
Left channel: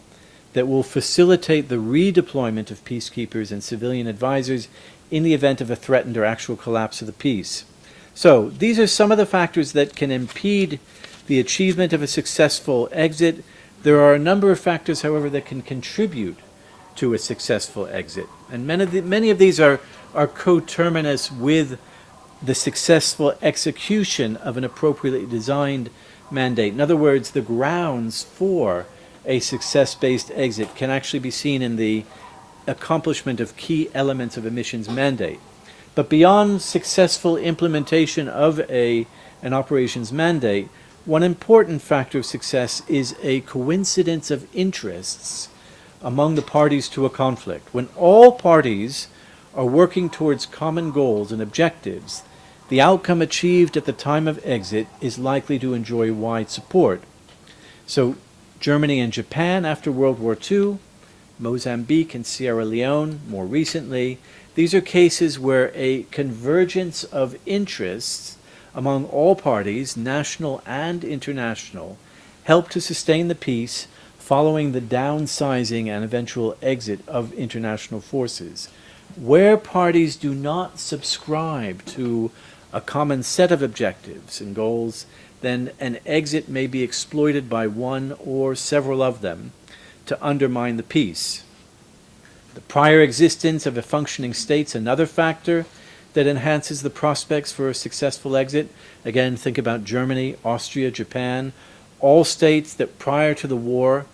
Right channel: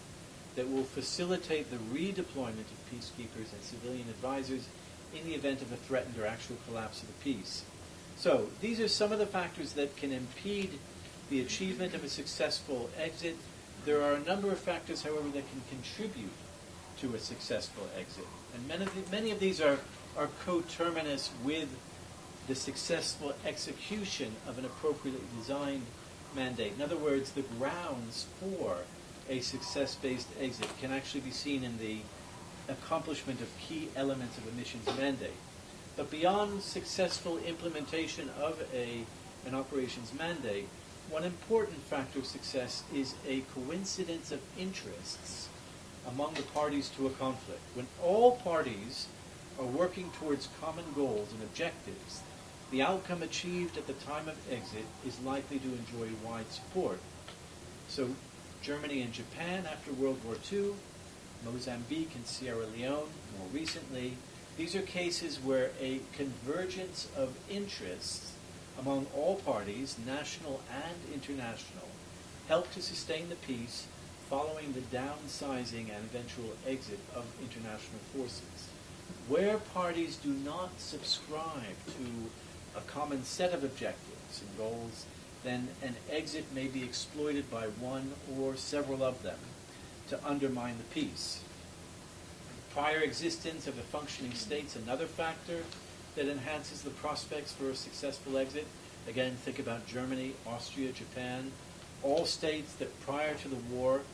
that will facilitate the redeployment of peacekeepers and civilian advisors in the event of a threatened or actual collapse of the peace. So these are some of the factors that can impede the achievement of a successful exit. There are a number of factors, however, that can contribute to a successful exit. And many of these are coterminous with the successful execution of an appropriately designed mandate. In other words, the grounds for a success-based exit can actually be seen in the accomplishment of key elements of a mission's mandate. But beyond successful implementation of an operations mandate, one important factor of success is a coincidence of interests among the parties to a conflict. When all parties are working towards common goals and objectives, the outcome achieved at the time of exit is likely to enjoy wide support. So Germany and Japan after World War II, Mozambique and Sierra Leone more recently, these are cases where a convergence of interests among all parties, national and international, helped to sustain the peace following the downsizing and eventual exit of international forces. Where parties do not subscribe to a common set of objectives and goals, then an exit may be exploited by one or several of them to undermine the peace. The prior existence of a functioning state's another factor that enhances the prospects for a successful exit. Again, think about Germany, Austria, Japan, all states that prior to the war,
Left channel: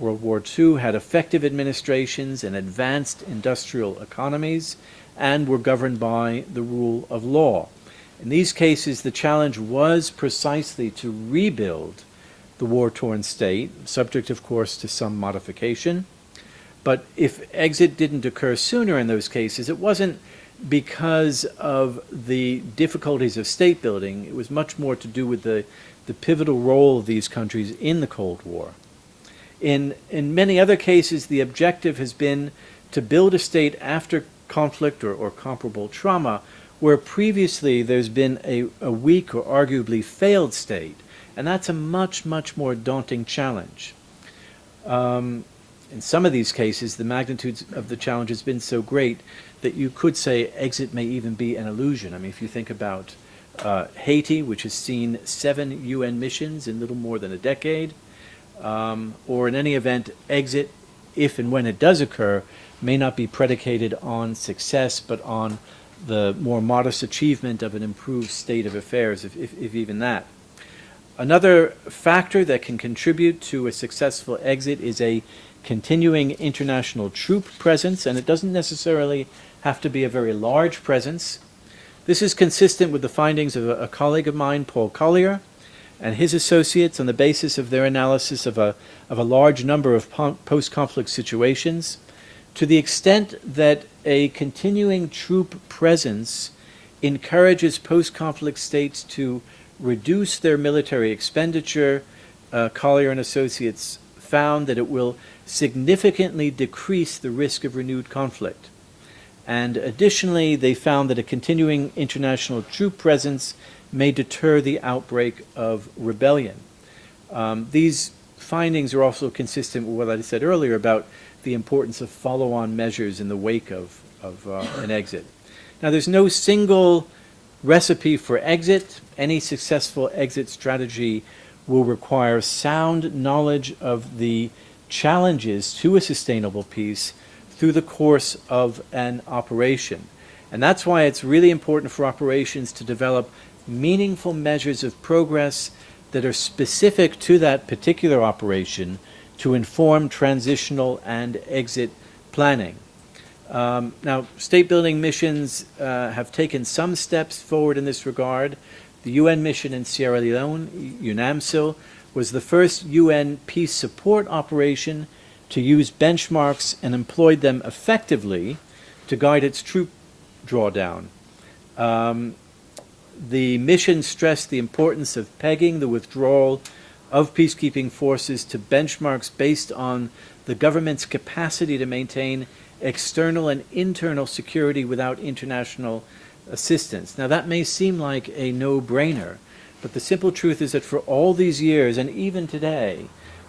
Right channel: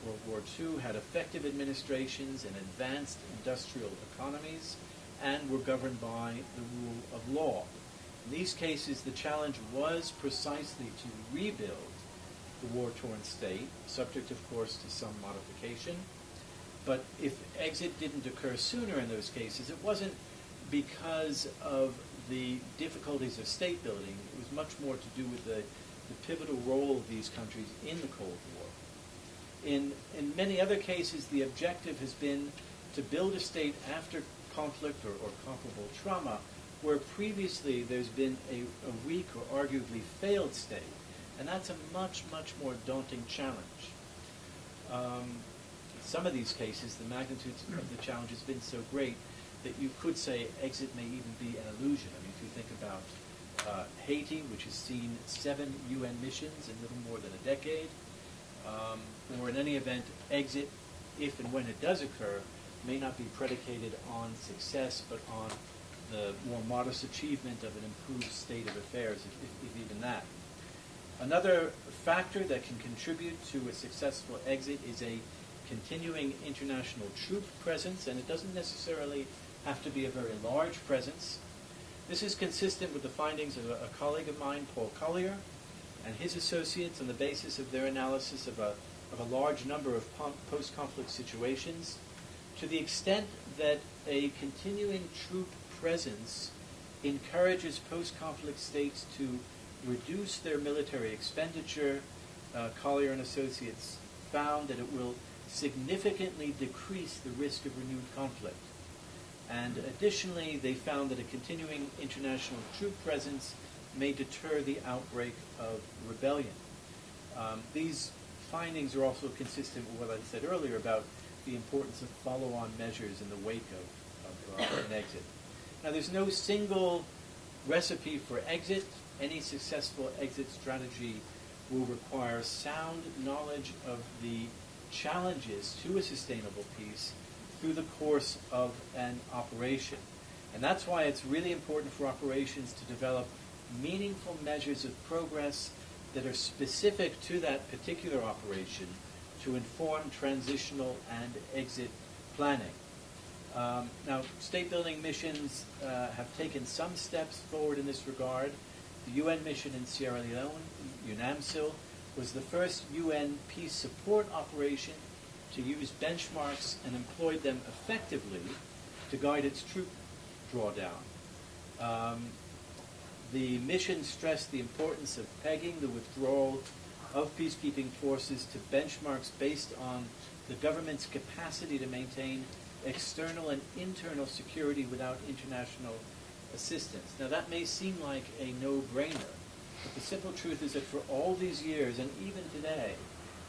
World War II, had effective administrations and advanced industrial economies and were governed by the rule of law. In these cases, the challenge was precisely to rebuild the war-torn state, subject, of course, to some modification. But if exit didn't occur sooner in those cases, it wasn't because of the difficulties of state building. It was much more to do with the pivotal role of these countries in the Cold War. In many other cases, the objective has been to build a state after conflict or comparable trauma where previously there's been a weak or arguably failed state. And that's a much, much more daunting challenge. In some of these cases, the magnitude of the challenge has been so great that you could say exit may even be an illusion. I mean, if you think about Haiti, which has seen 7 UN missions in little more than a decade, or in any event, exit, if and when it does occur, may not be predicated on success, but on the more modest achievement of an improved state of affairs, if even that. Another factor that can contribute to a successful exit is a continuing international troop presence, and it doesn't necessarily have to be a very large presence. This is consistent with the findings of a colleague of mine, Paul Collier, and his associates on the basis of their analysis of a large number of post-conflict situations, to the extent that a continuing troop presence encourages post-conflict states to reduce their military expenditure. Collier and Associates found that it will significantly decrease the risk of renewed conflict. And additionally, they found that a continuing international troop presence may deter the outbreak of rebellion. These findings are also consistent with what I said earlier about the importance of follow-on measures in the wake of an exit. Now, there's no single recipe for exit. Any successful exit strategy will require sound knowledge of the challenges to a sustainable peace through the course of an operation. And that's why it's really important for operations to develop meaningful measures of progress that are specific to that particular operation to inform transitional and exit planning. Now, state-building missions have taken some steps forward in this regard. The UN mission in Sierra Leone, UNAMSIL, was the first UN peace support operation to use benchmarks and employed them effectively to guide its troop drawdown. The mission stressed the importance of pegging the withdrawal of peacekeeping forces to benchmarks based on the government's capacity to maintain external and internal security without international assistance. Now, that may seem like a no-brainer, but the simple truth is that for all these years, and even today,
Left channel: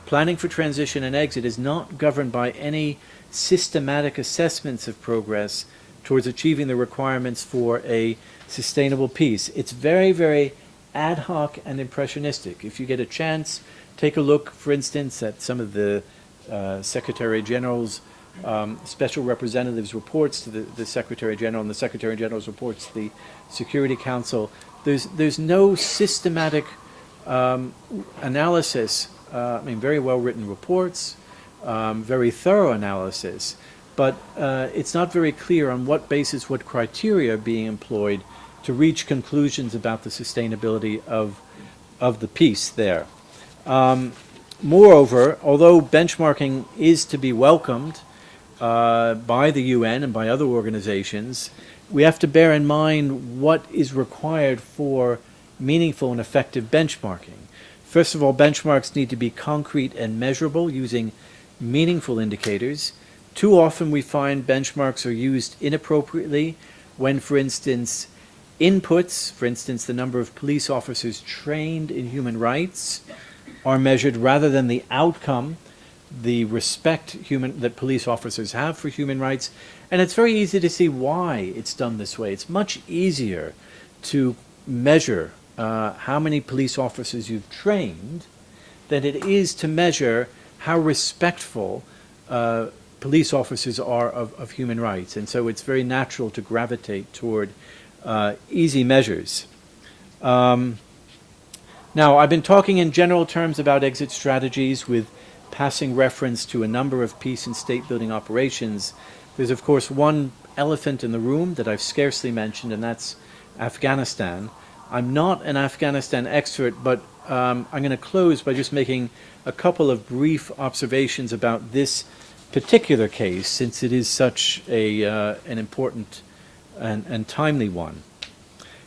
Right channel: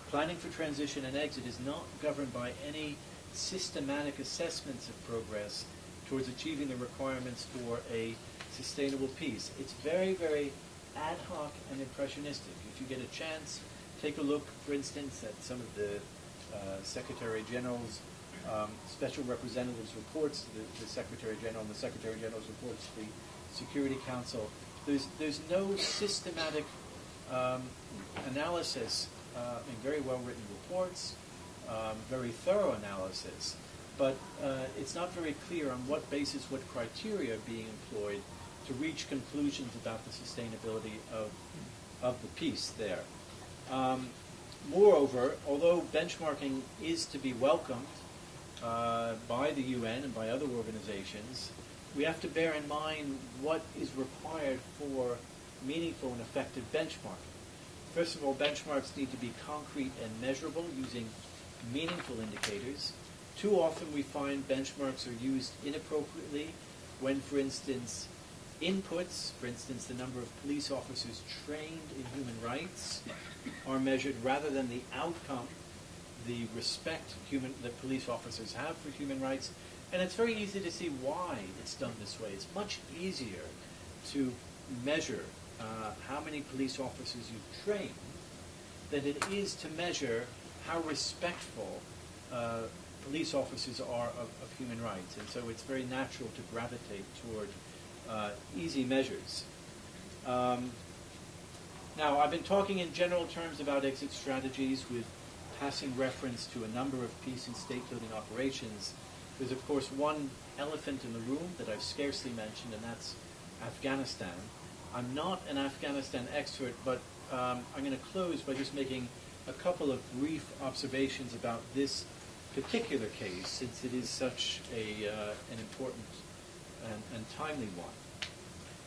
planning for transition and exit is not governed by any systematic assessments of progress towards achieving the requirements for a sustainable peace. It's very, very ad hoc and impressionistic. If you get a chance, take a look, for instance, at some of the Secretary General's special representatives' reports to the Secretary General, and the Secretary General's reports to the Security Council. There's no systematic analysis. I mean, very well-written reports, very thorough analysis, but it's not very clear on what basis, what criteria are being employed to reach conclusions about the sustainability of the peace there. Moreover, although benchmarking is to be welcomed by the UN and by other organizations, we have to bear in mind what is required for meaningful and effective benchmarking. First of all, benchmarks need to be concrete and measurable using meaningful indicators. Too often we find benchmarks are used inappropriately when, for instance, inputs, for instance, the number of police officers trained in human rights, are measured rather than the outcome, the respect that police officers have for human rights. And it's very easy to see why it's done this way. It's much easier to measure how many police officers you've trained than it is to measure how respectful police officers are of human rights. And so it's very natural to gravitate toward easy measures. Now, I've been talking in general terms about exit strategies with passing reference to a number of peace and state building operations. There's, of course, one elephant in the room that I've scarcely mentioned, and that's Afghanistan. I'm not an Afghanistan expert, but I'm going to close by just making a couple of brief observations about this particular case, since it is such an important and timely one.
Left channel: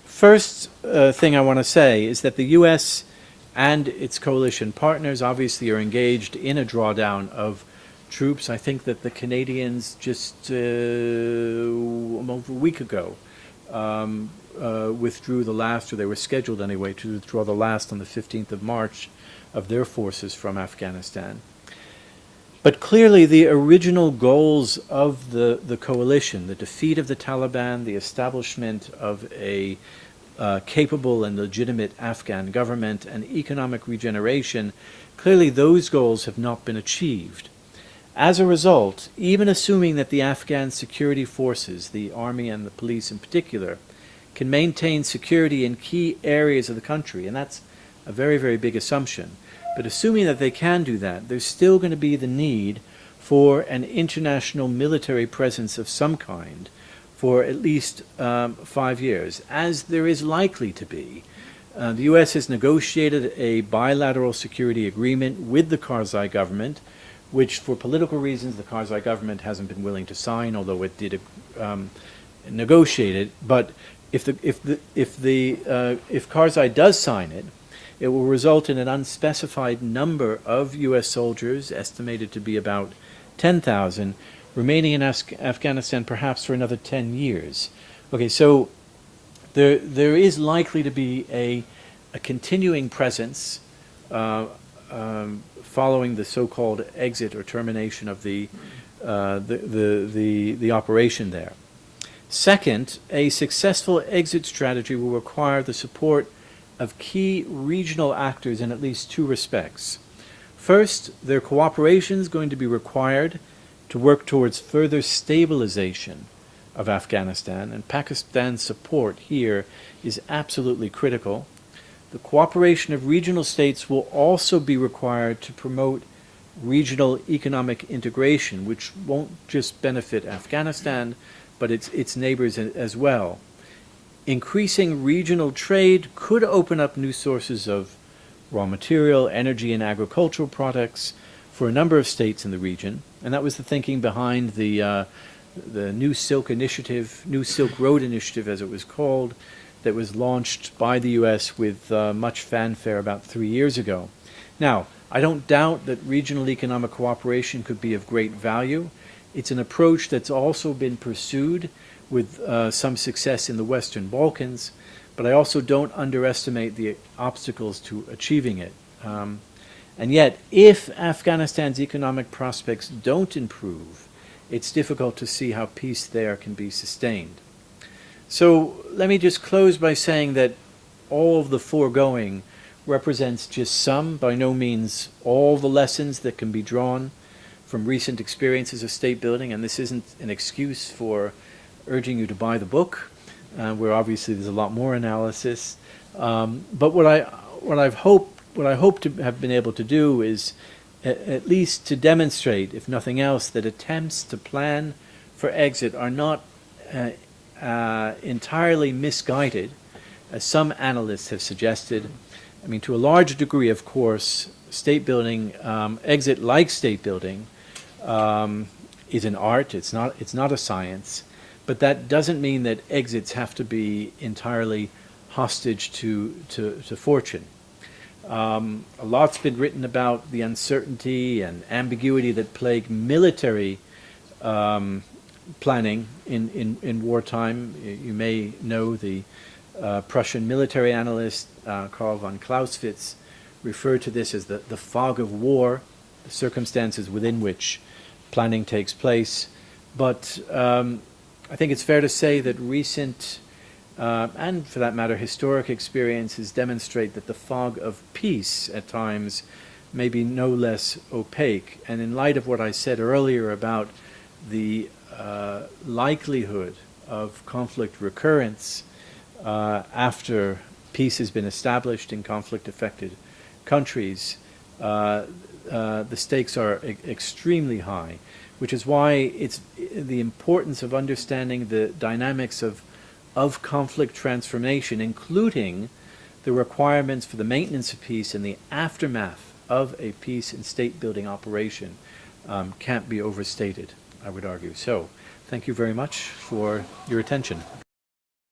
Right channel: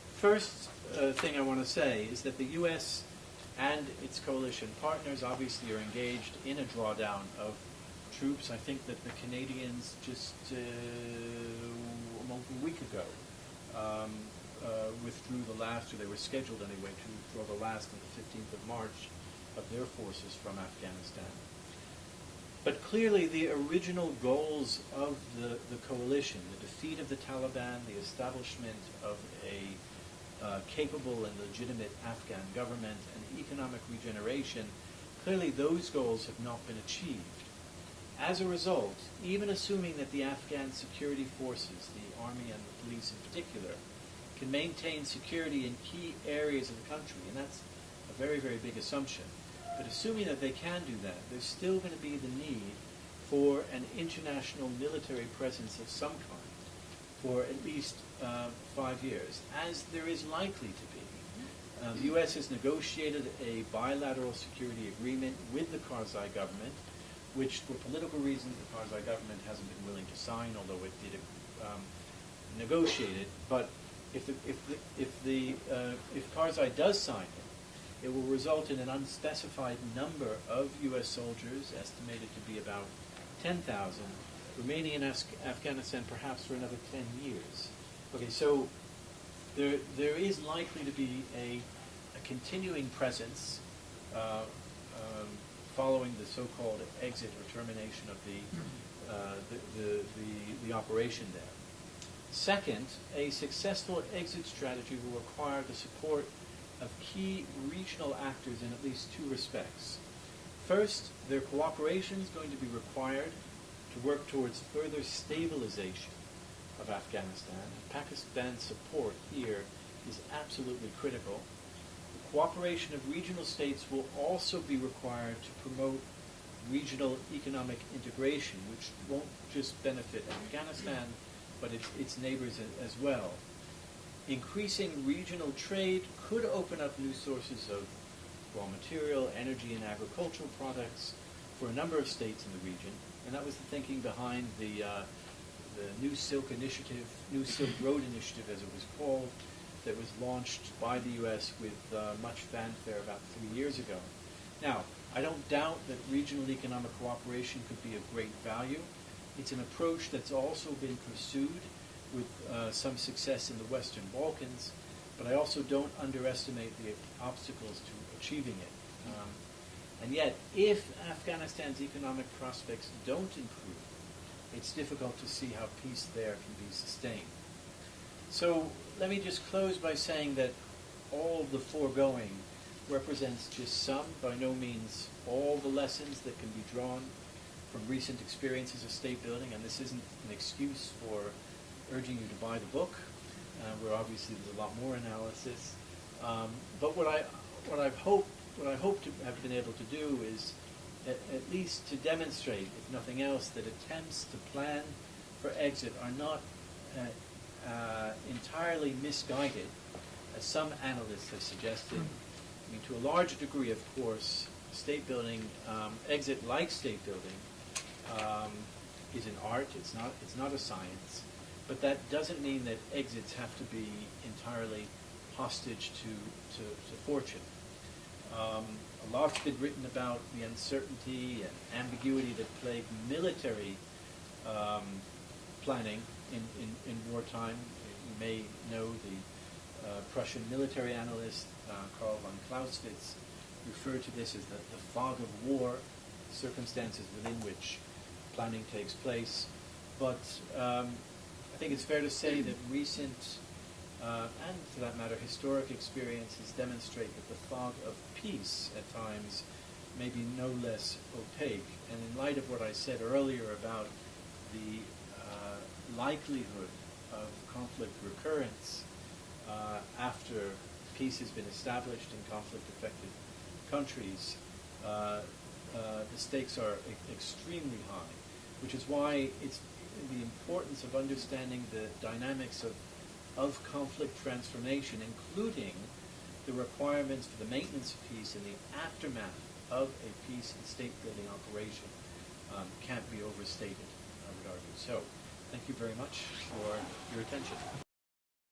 First thing I want to say is that the U.S. and its coalition partners obviously are engaged in a drawdown of troops. I think that the Canadians just almost a week ago withdrew the last, or they were scheduled anyway to withdraw the last on the 15th of March of their forces from Afghanistan. But clearly the original goals of the coalition, the defeat of the Taliban, the establishment of a capable and legitimate Afghan government, and economic regeneration, clearly those goals have not been achieved. As a result, even assuming that the Afghan security forces, the army and the police in particular, can maintain security in key areas of the country, and that's a very, very big assumption, but assuming that they can do that, there's still going to be the need for an international military presence of some kind for at least 5 years, as there is likely to be. The U.S. has negotiated a bilateral security agreement with the Karzai government, which for political reasons the Karzai government hasn't been willing to sign, although it did negotiate it. But if Karzai does sign it, it will result in an unspecified number of U.S. soldiers, estimated to be about 10,000, remaining in Afghanistan perhaps for another 10 years. Okay, so there is likely to be a continuing presence following the so-called exit or termination of the operation there. Second, a successful exit strategy will require the support of key regional actors in at least two respects. First, their cooperation is going to be required to work towards further stabilization of Afghanistan, and Pakistan's support here is absolutely critical. The cooperation of regional states will also be required to promote regional economic integration, which won't just benefit Afghanistan, but its neighbors as well. Increasing regional trade could open up new sources of raw material, energy, and agricultural products for a number of states in the region, and that was the thinking behind the New Silk Initiative, New Silk Road Initiative as it was called, that was launched by the U.S. with much fanfare about 3 years ago. Now, I don't doubt that regional economic cooperation could be of great value. It's an approach that's also been pursued with some success in the Western Balkans, but I also don't underestimate the obstacles to achieving it. And yet, if Afghanistan's economic prospects don't improve, it's difficult to see how peace there can be sustained. So let me just close by saying that all of the foregoing represents just some, by no means all, the lessons that can be drawn from recent experiences of state building, and this isn't an excuse for urging you to buy the book, where obviously there's a lot more analysis. But what I hope to have been able to do is at least to demonstrate, if nothing else, that attempts to plan for exit are not entirely misguided, as some analysts have suggested. I mean, to a large degree, of course, state building, exit like state building, is an art. It's not a science, but that doesn't mean that exits have to be entirely hostage to fortune. A lot's been written about the uncertainty and ambiguity that plague military planning in wartime. You may know the Prussian military analyst Karl von Clausewitz referred to this as the fog of war, the circumstances within which planning takes place. But I think it's fair to say that recent and for that matter historic experiences demonstrate that the fog of peace at times maybe no less opaque. And in light of what I said earlier about the likelihood of conflict recurrence after peace has been established in conflict-affected countries, the stakes are extremely high, which is why it's the importance of understanding the dynamics of conflict transformation, including the requirements for the maintenance of peace and the aftermath of a peace and state-building operation can't be overstated, I would argue. So, thank you very much for your attention.